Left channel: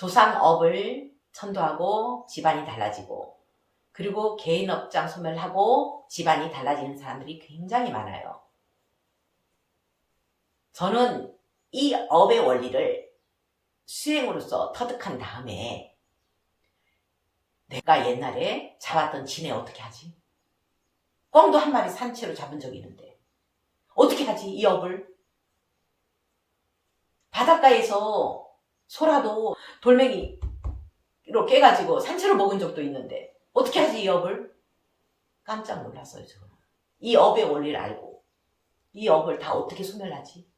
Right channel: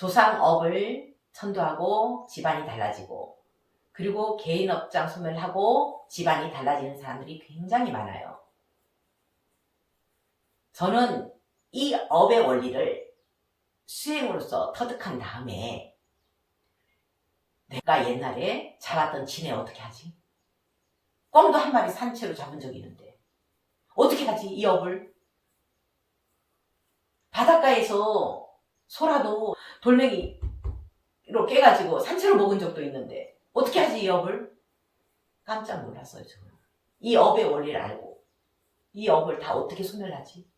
조상업을 천도하고 집안이 달라지고, 그리고 개인 업장 소멸하고 집안이 달라지는 사람들이 굉장히 많아요. 저는 이 업의 원리를 수행으로서 터득한 다음에 내가 옛날에 잡았던 진해 어떻게 하지? 꿩도 한 마리 산채로 잡은 적이 있는데 어떻게 하지 이 업을? 바닷가에서 소라도 돌멩이로 깨가지고 산채로 먹은 적도 있는데 어떻게 하지 이 업을? 깜짝 놀랐어요. 저는 이 업의 원리를 알고 이 업을 다 어떻게 소멸하지?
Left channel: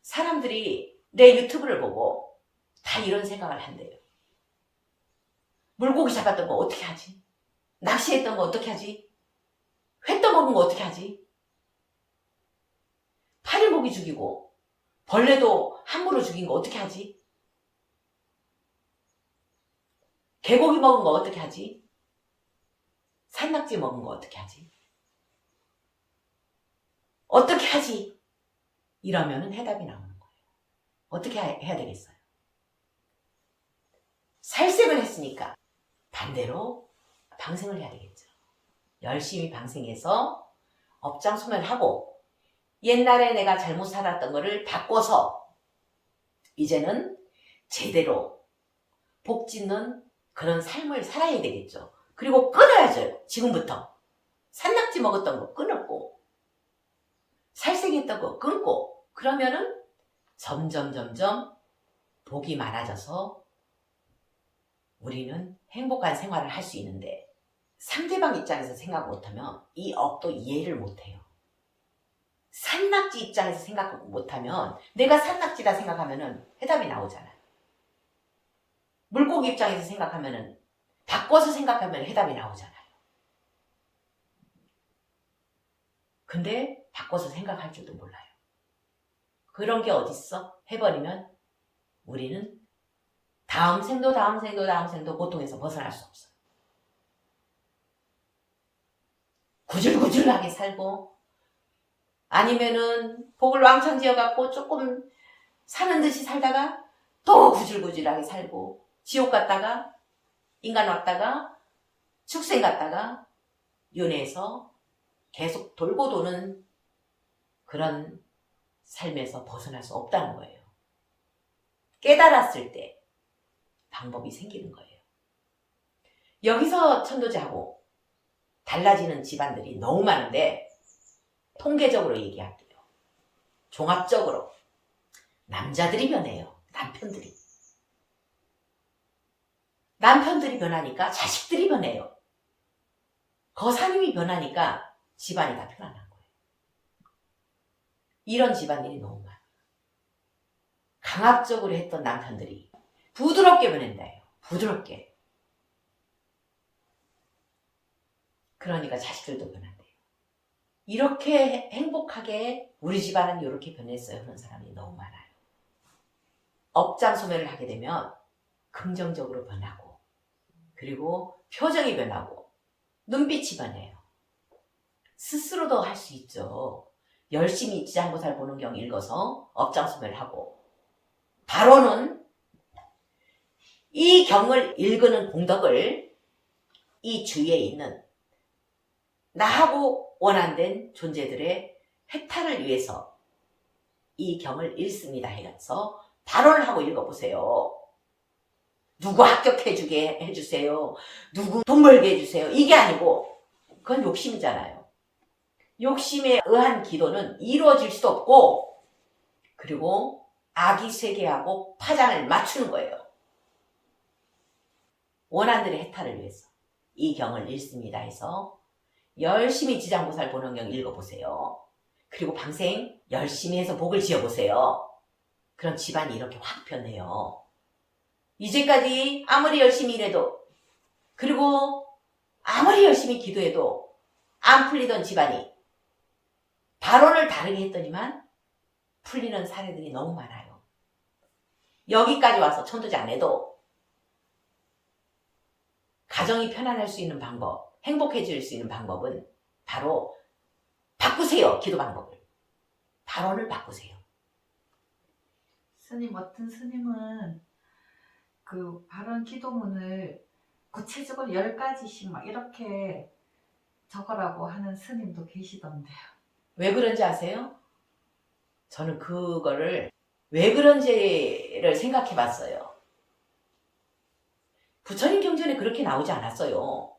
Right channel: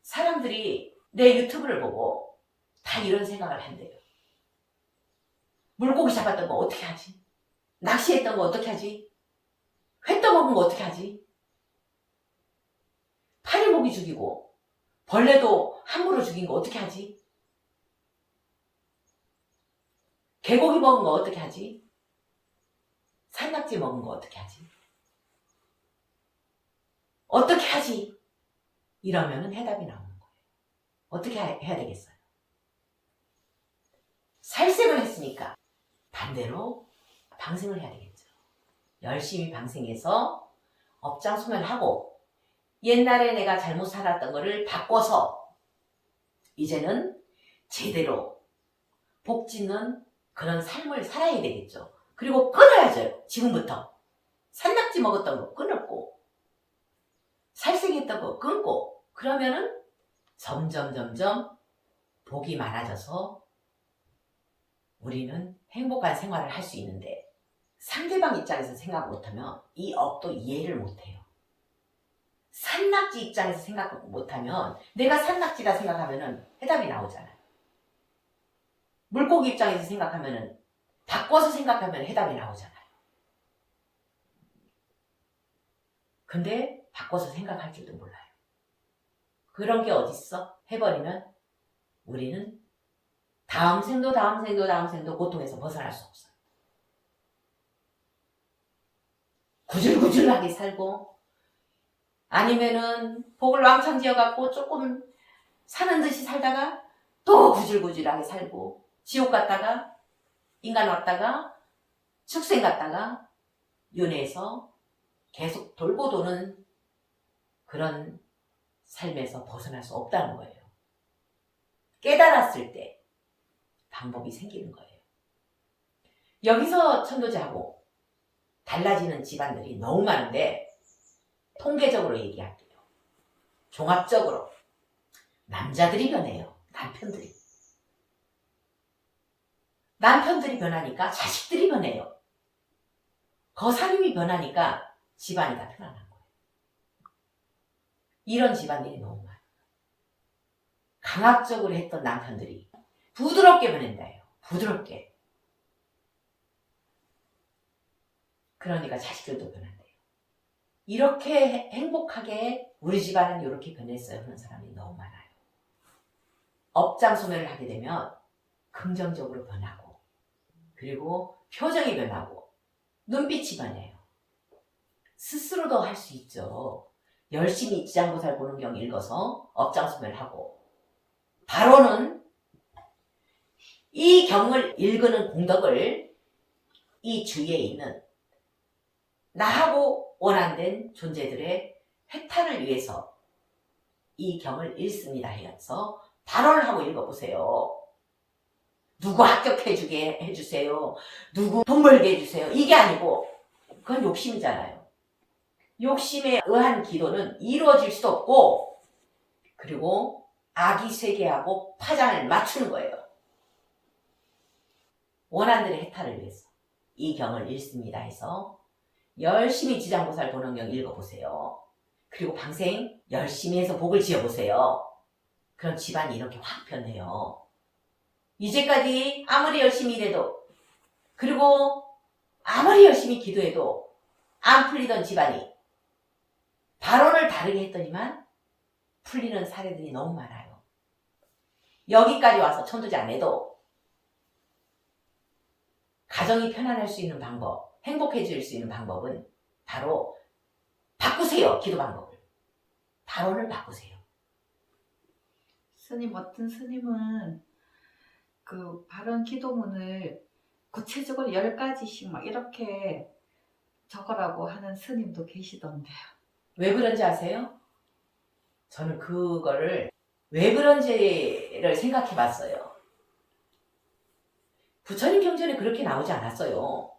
사람들이 내 유튜브를 보고 다 이런 생각을 한대요. 물고기 잡았던 거 어떻게 하지? 낚시했던 거 어떻게 하지? 회 떠먹은 거 어떻게 하지? 파리고기 죽이고 벌레도 함부로 죽인 거 어떻게 하지? 개고기 먹은 거 어떻게 하지? 산낙지 먹은 거 어떻게 하지? 어떻게 하지? 이러면은 해답이 나오는 거예요. 어떻게 해야 되겠어요? 살생을 했으니까 반대로 방생을 해야 되겠죠. 열심히 방생해서 업장 소멸하고 옛날에 내가 잘못 살았던 거를 바꿔서 이제는 제대로 복 짓는 그런 삶을 살아야 되겠죠. 그리고 끊어야죠. 지금부터. 산낙지 먹었던 거 끊었고 살생했던 거 끊고 그러면은 점점 복이 많아져서 우리는 행복한 생활을 할 수 있는데 상대방 입장에서 생각 못하면 이 업도 이해를 못해요. 산낙지 입장에서 생각 못하면 내가 산낙지다 생각하면은 해답이 나오잖아요. 물고기 입장에서 생각하면은 바꿔서 생각하면 해답이 나오잖아요. 근데 바꿔서 생각할 줄도 몰라요. 그런 게 어딨어? 해버리면 우리는 다음 생도 고통에서 벗어날 수 없어요. 구질구질하게 살고 아니면은 복을 왕창 지어갖고 조금 사는 듯이 살다가 또 구질구질하게 살고 지옥 갔다가 인간 왔다가 축생 갔다가 윤회에서 계속 돌고 도는 그런 삶에서 벗어날 수 없다는 거예요. 깨달았을 때 방법이 생기는 거예요. 여기서 천도제하고 달라지는 집안들이 너무 많은데 통계적으로 얘기할게요. 종합적으로 남자들이 변해요. 남편들이 변하니까 자식들이 변해요. 거사님이 변하니까 집안이 다 편안한 거예요. 이런 집안들이 너무 많아요. 강압적으로 했던 남편들이 부드럽게 변한다요. 부드럽게. 그러니까 자식들도 변한대요. 이렇게 행복하게 우리 집안은 이렇게 변했어요 하는 사람이 너무 많아요. 업장 소멸을 하게 되면 긍정적으로 변하고 그리고 표정이 변하고 눈빛이 변해요. 스스로도 할 수 있죠. 열심히 지장보살 보는 경 읽어서 업장 소멸하고 바로는 이 경을 읽는 공덕을 이 주위에 있는 나하고 원한된 존재들의 해탈을 위해서 이 경을 읽습니다 해서 발언을 하고 읽어보세요. 누구 합격해주게 해주세요. 누구 돈 벌게 해주세요. 이게 아니고 그건 욕심이잖아요. 욕심에 의한 기도는 이루어질 수도 없고 그리고 아기세계하고 파장을 맞추는 거예요. 원한들의 해탈을 위해서 이 경을 읽습니다 해서 열심히 지장보살 보는 경 읽어보세요. 그리고 방생 열심히 해서 복을 지어보세요. 그럼 집안이 이렇게 확 변해요. 이제까지 아무리 열심히 일해도 그리고 아무리 열심히 기도해도 안 풀리던 집안이 발언을 다르게 했더니만 풀리는 사례들이 너무 많아요. 여기까지 와서 천도제 안 해도 가정이 편안할 수 있는 방법, 행복해질 수 있는 방법은 바로 바꾸세요. 기도 방법을. 발언을 바꾸세요. 스님, 어떤 스님은 그 발언 기도문을 구체적으로 10가지씩 막 이렇게 적으라고 하는 스님도 계시던데요. 왜 그런지 아세요? 저는 그거를 왜 그런지를 생각해 봤어요. 부처님 경전에 그렇게 나오지 않았어요.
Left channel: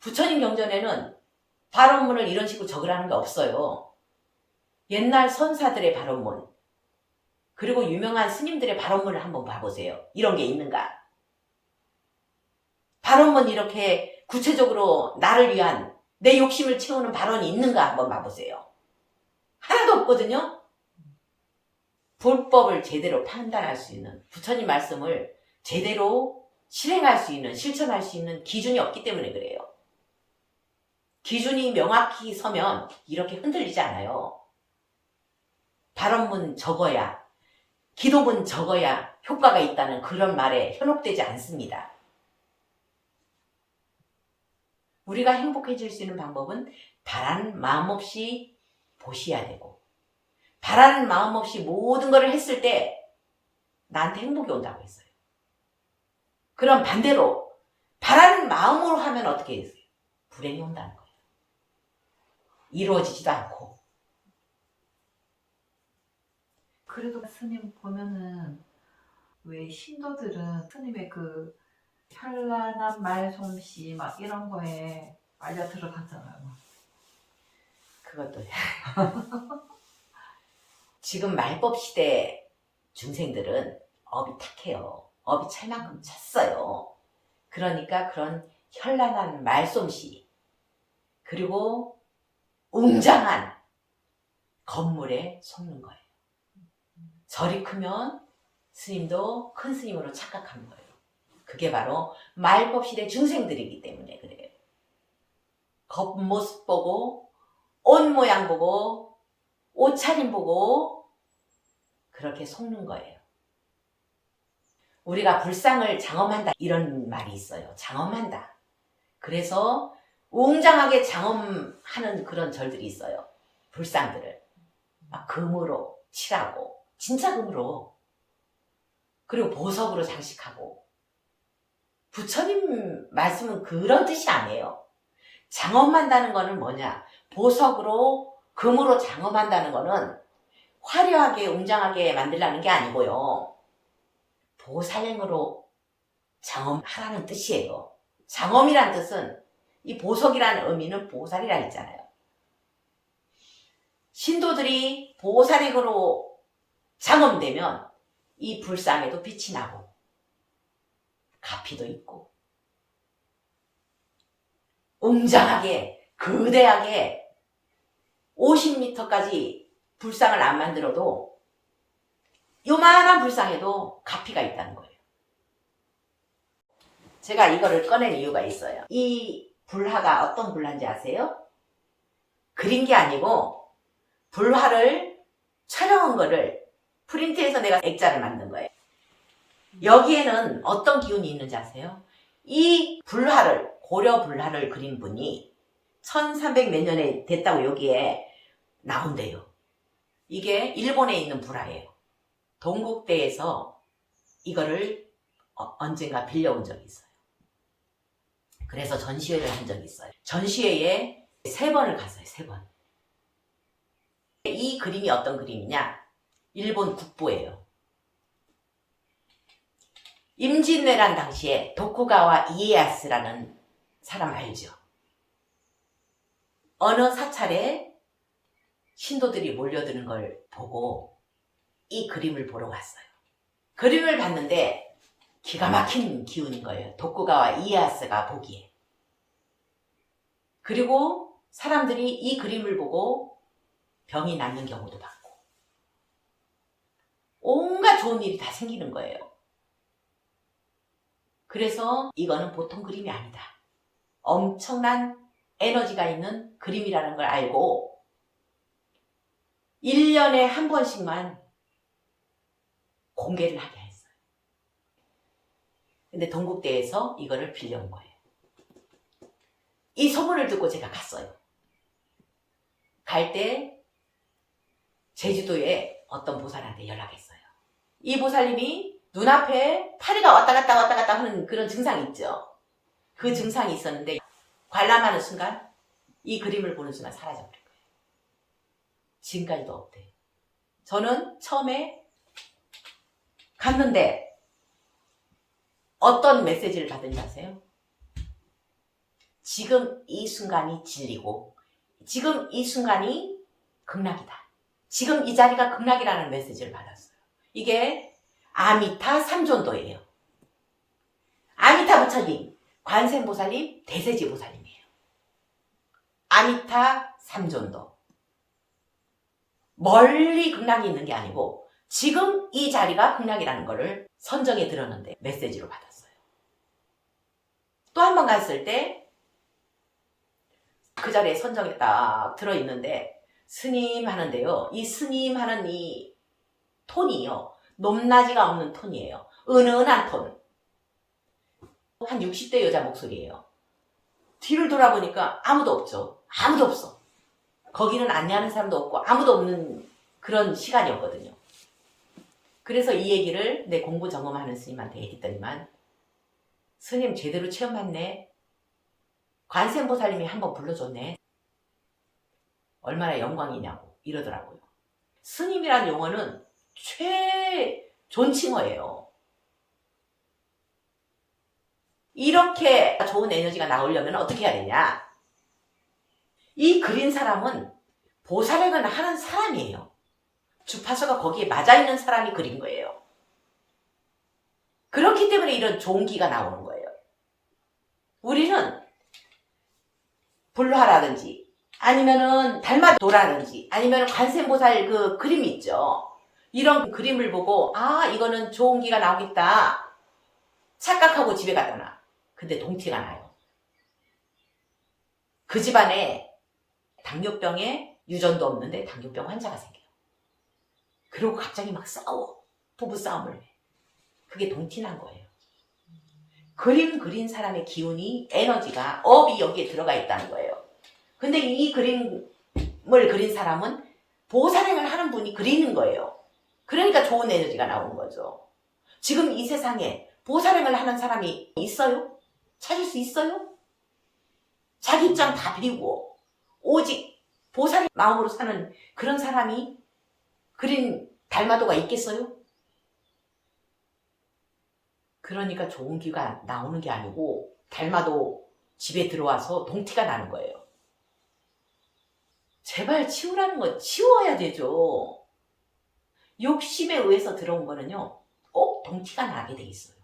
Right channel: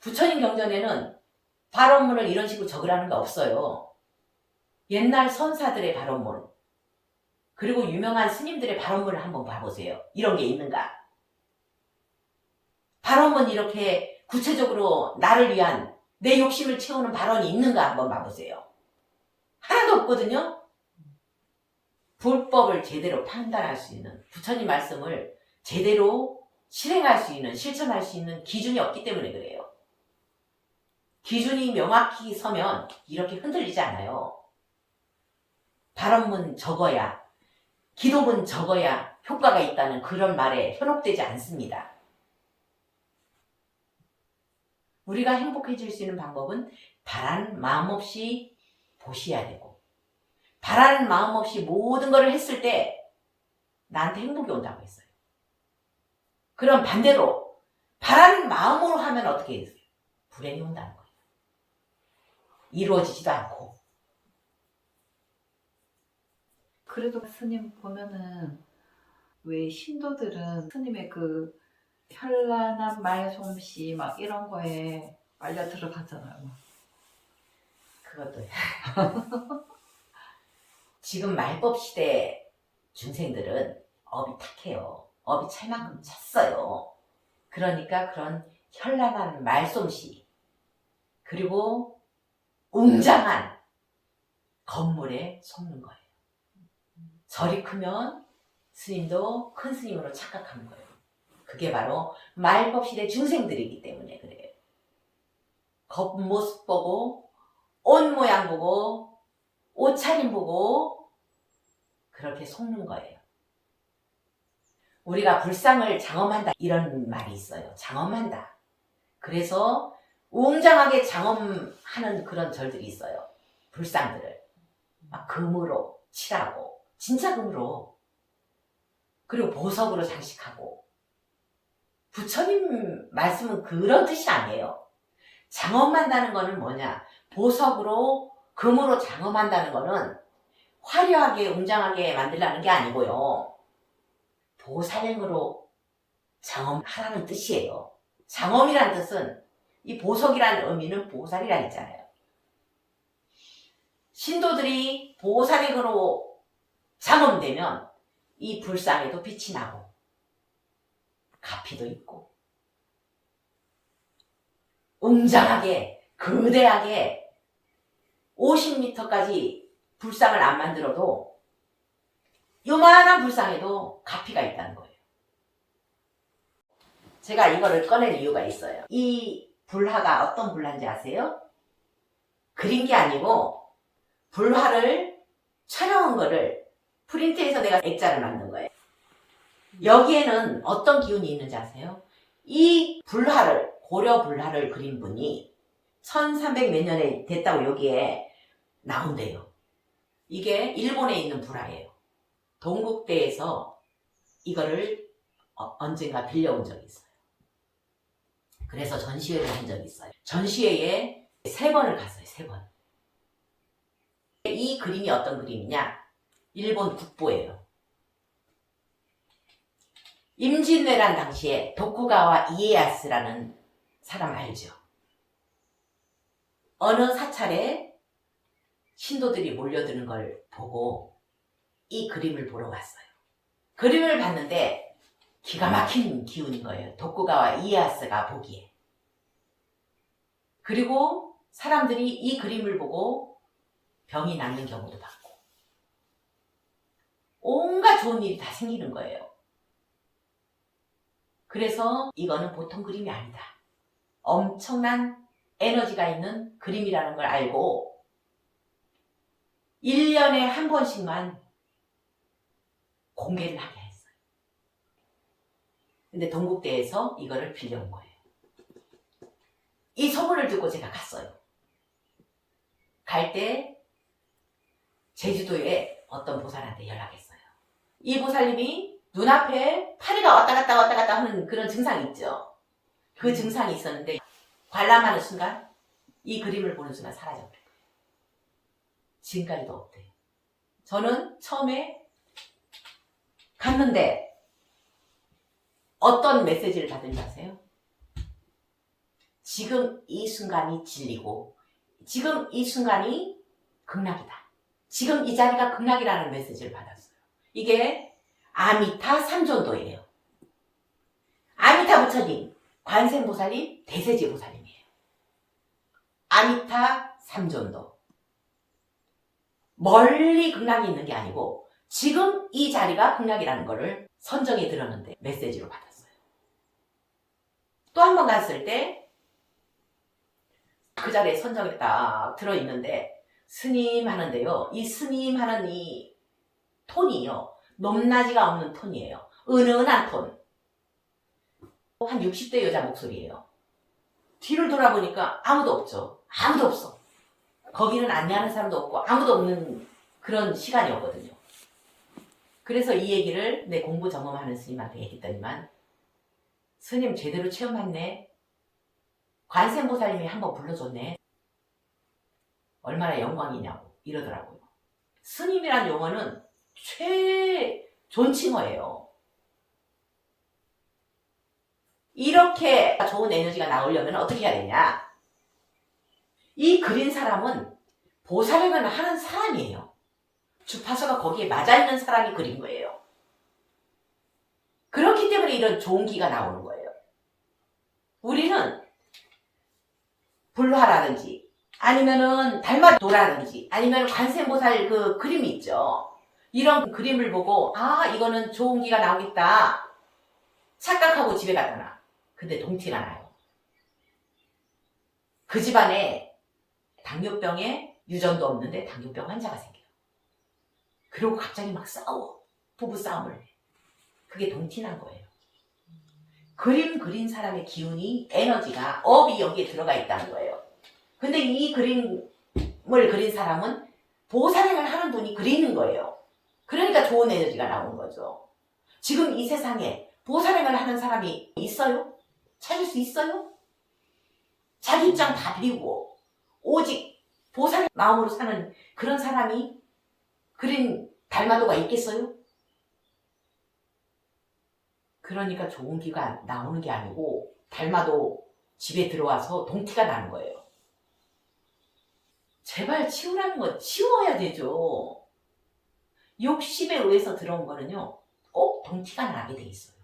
부처님 경전에는 발언문을 이런 식으로 적으라는 게 없어요. 옛날 선사들의 발언문, 그리고 유명한 스님들의 발언문을 한번 봐보세요. 이런 게 있는가? 발언문 이렇게 구체적으로 나를 위한 내 욕심을 채우는 발언이 있는가 한번 봐보세요. 하나도 없거든요. 불법을 제대로 판단할 수 있는, 부처님 말씀을 제대로 실행할 수 있는, 실천할 수 있는 기준이 없기 때문에 그래요. 기준이 명확히 서면 이렇게 흔들리지 않아요. 발언문 적어야, 기도문 적어야 효과가 있다는 그런 말에 현혹되지 않습니다. 우리가 행복해질 수 있는 방법은 바라는 마음 없이 보셔야 되고, 바라는 마음 없이 모든 것을 했을 때 나한테 행복이 온다고 했어요. 그럼 반대로 바라는 마음으로 하면 어떻게 해요? 불행이 온다는 거예요. 이루어지지도 않고. 그래도 스님 보면은 왜 신도들은 스님의 그 현란한 말솜씨 막 이런 거에 빨려 들어가잖아요. 그것도 지금 말법 시대 중생들은 업이 탁해요. 업이 찰 만큼 찼어요. 그러니까 그런 현란한 말솜씨, 그리고 웅장한 건물에 속는 거예요. 절이 크면 스님도 큰 스님으로 착각하는 거예요. 그게 바로 말법 시대 중생들이기 때문에 그래요. 겉모습 보고, 옷 모양 보고, 옷차림 보고 그렇게 속는 거예요. 우리가 불상을 장엄한다 이런 말이 있어요. 장엄한다. 그래서 웅장하게 장엄하는 그런 절들이 있어요. 불상들을 막 금으로 칠하고, 진짜 금으로, 그리고 보석으로 장식하고. 부처님 말씀은 그런 뜻이 아니에요. 장엄한다는 거는 뭐냐? 보석으로, 금으로 장엄한다는 거는 화려하게 웅장하게 만들라는 게 아니고요. 보살행으로 장엄하라는 뜻이에요. 장엄이란 뜻은, 이 보석이라는 의미는 보살이라 했잖아요. 신도들이 보살행으로 장엄되면 이 불상에도 빛이 나고 가피도 있고 웅장하게 거대하게 50m까지 불상을 안 만들어도 요만한 불상에도 가피가 있다는 거예요. 제가 이거를 꺼낼 이유가 있어요. 이 불화가 어떤 불화인지 아세요? 그린 게 아니고 불화를 촬영한 거를 프린트해서 내가 액자를 만든 거예요. 여기에는 어떤 기운이 있는지 아세요? 이 불화를, 고려 불화를 그린 분이 1300 몇 년에 됐다고 여기에 나온대요. 이게 일본에 있는 불화예요. 동국대에서 이거를 언젠가 빌려온 적이 있어요. 그래서 전시회를 한 적이 있어요. 전시회에 3번을 갔어요. 3번. 이 그림이 어떤 그림이냐? 일본 국보예요. 임진왜란 당시에 도쿠가와 이에야스라는 사람 알죠? 어느 사찰에 신도들이 몰려드는 걸 보고 이 그림을 보러 왔어요. 그림을 봤는데 기가 막힌 기운인 거예요. 도쿠가와 이에야스가 보기에. 그리고 사람들이 이 그림을 보고 병이 낫는 경우도 봤고 온갖 좋은 일이 다 생기는 거예요. 그래서 이거는 보통 그림이 아니다. 엄청난 에너지가 있는 그림이라는 걸 알고 1년에 한 번씩만 공개를 하게 했어요. 근데 동국대에서 이거를 빌려온 거예요. 이 소문을 듣고 제가 갔어요. 갈 때 제주도에 어떤 보살한테 연락했어요. 이 보살님이 눈앞에 파리가 왔다 갔다 하는 그런 증상이 있죠. 그 증상이 있었는데 관람하는 순간 이 그림을 보는 순간 사라져버린 거예요. 지금까지도 없대요. 저는 처음에 갔는데 어떤 메시지를 받은지 아세요? 지금 이 순간이 진리고 지금 이 순간이 극락이다. 지금 이 자리가 극락이라는 메시지를 받았어요. 이게 아미타 삼존도예요. 아미타 부처님, 관세음보살님, 대세지보살님이에요. 아미타 삼존도. 멀리 극락이 있는 게 아니고 지금 이 자리가 극락이라는 거를 선정에 들었는데 메시지로 받았어요. 또 한 번 갔을 때 그 자리에 선정에 딱 들어있는데 스님 하는데요. 이 스님 하는 이 톤이요. 높낮이가 없는 톤이에요. 은은한 톤. 한 60대 여자 목소리예요. 뒤를 돌아보니까 아무도 없죠. 아무도 없어. 거기는 안내하는 사람도 없고 아무도 없는 그런 시간이었거든요. 그래서 이 얘기를 내 공부 점검하는 스님한테 했더니만 스님 제대로 체험했네. 관세음보살님이 한번 불러줬네. 얼마나 영광이냐고 이러더라고요. 스님이란 용어는 존칭어예요. 이렇게 좋은 에너지가 나오려면 어떻게 해야 되냐? 이 그린 사람은 보살행을 하는 사람이에요. 주파수가 거기에 맞아있는 사람이 그린 거예요. 그렇기 때문에 이런 좋은 기가 나오는 거예요. 우리는 불화라든지 아니면은 달마도라든지 아니면 관세음보살 그 그림이 있죠. 이런 그림을 보고 아 이거는 좋은 기가 나오겠다 착각하고 집에 갖다 놔. 근데 동티가 나요. 그 집안에 당뇨병에 유전도 없는데 당뇨병 환자가 생겨요. 그리고 갑자기 막 싸워. 부부싸움을 해. 그게 동티난 거예요. 그림 그린 사람의 기운이 에너지가 업이 여기에 들어가 있다는 거예요. 근데 이 그림을 그린 사람은 보살행을 하는 분이 그리는 거예요. 그러니까 좋은 에너지가 나오는 거죠. 지금 이 세상에 보살행을 하는 사람이 있어요? 찾을 수 있어요? 자기 입장 다 버리고 오직 보살 마음으로 사는 그런 사람이 그린 달마도가 있겠어요? 그러니까 좋은 기가 나오는 게 아니고 달마도 집에 들어와서 동티가 나는 거예요. 제발 치우라는 건 치워야 되죠. 욕심에 의해서 들어온 거는요. 꼭 동티가 나게 돼 있어요.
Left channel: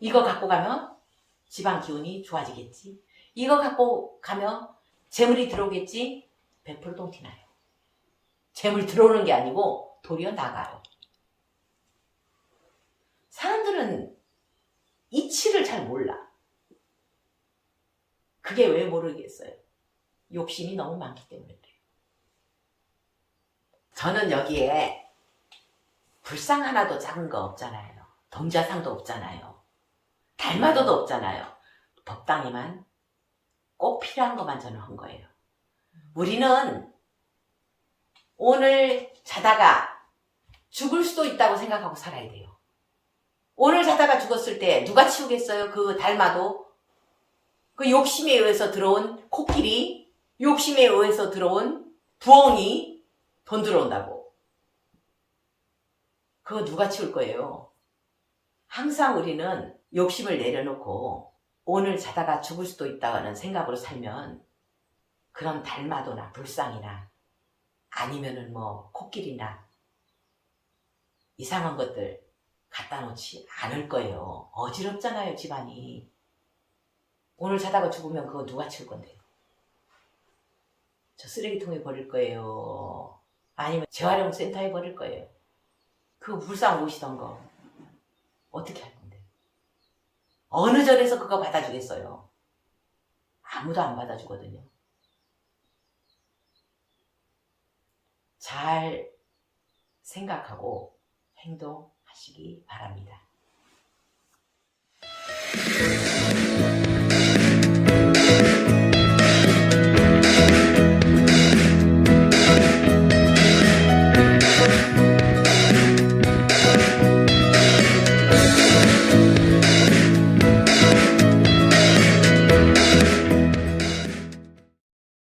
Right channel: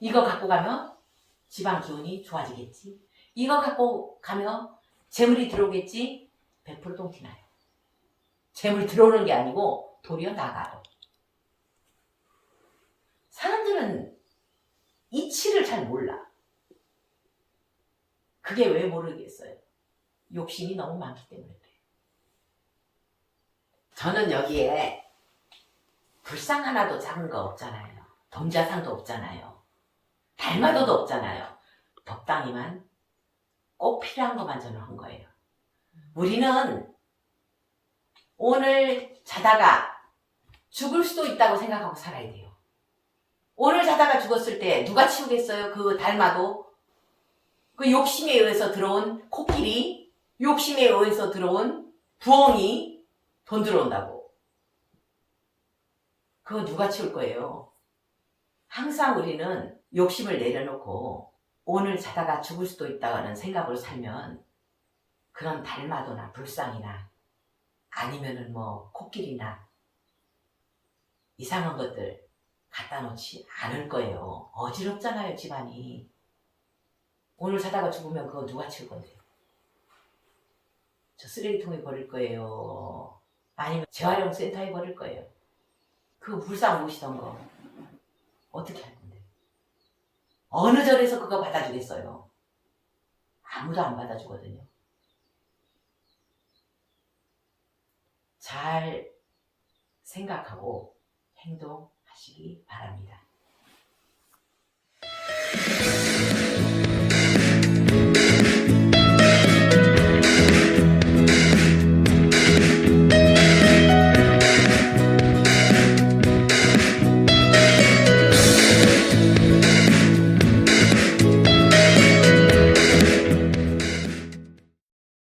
이거 갖고 가면 집안 기운이 좋아지겠지. 이거 갖고 가면 재물이 들어오겠지. 100% 동티 나요. 재물이 들어오는 게 아니고 도리어 나가요. 사람들은 이치를 잘 몰라. 그게 왜 모르겠어요? 욕심이 너무 많기 때문에 그래요. 저는 여기에 불상 하나도 작은 거 없잖아요. 동자상도 없잖아요. 달마도도 없잖아요. 법당에만 꼭 필요한 것만 저는 한 거예요. 우리는 오늘 자다가 죽을 수도 있다고 생각하고 살아야 돼요. 오늘 자다가 죽었을 때 누가 치우겠어요? 그 달마도? 그 욕심에 의해서 들어온 코끼리, 욕심에 의해서 들어온 부엉이, 돈 들어온다고. 그거 누가 치울 거예요? 항상 우리는 욕심을 내려놓고 오늘 자다가 죽을 수도 있다는 생각으로 살면 그런 달마도나 불상이나 아니면은 뭐 코끼리나 이상한 것들 갖다 놓지 않을 거예요. 어지럽잖아요, 집안이. 오늘 자다가 죽으면 그거 누가 치울 건데요? 저 쓰레기통에 버릴 거예요. 아니면 재활용센터에 버릴 거예요. 그 불상 모시던 거 어떻게 할 건데? 어느 절에서 그거 받아주겠어요? 아무도 안 받아주거든요. 잘 생각하고 행동하시기 바랍니다.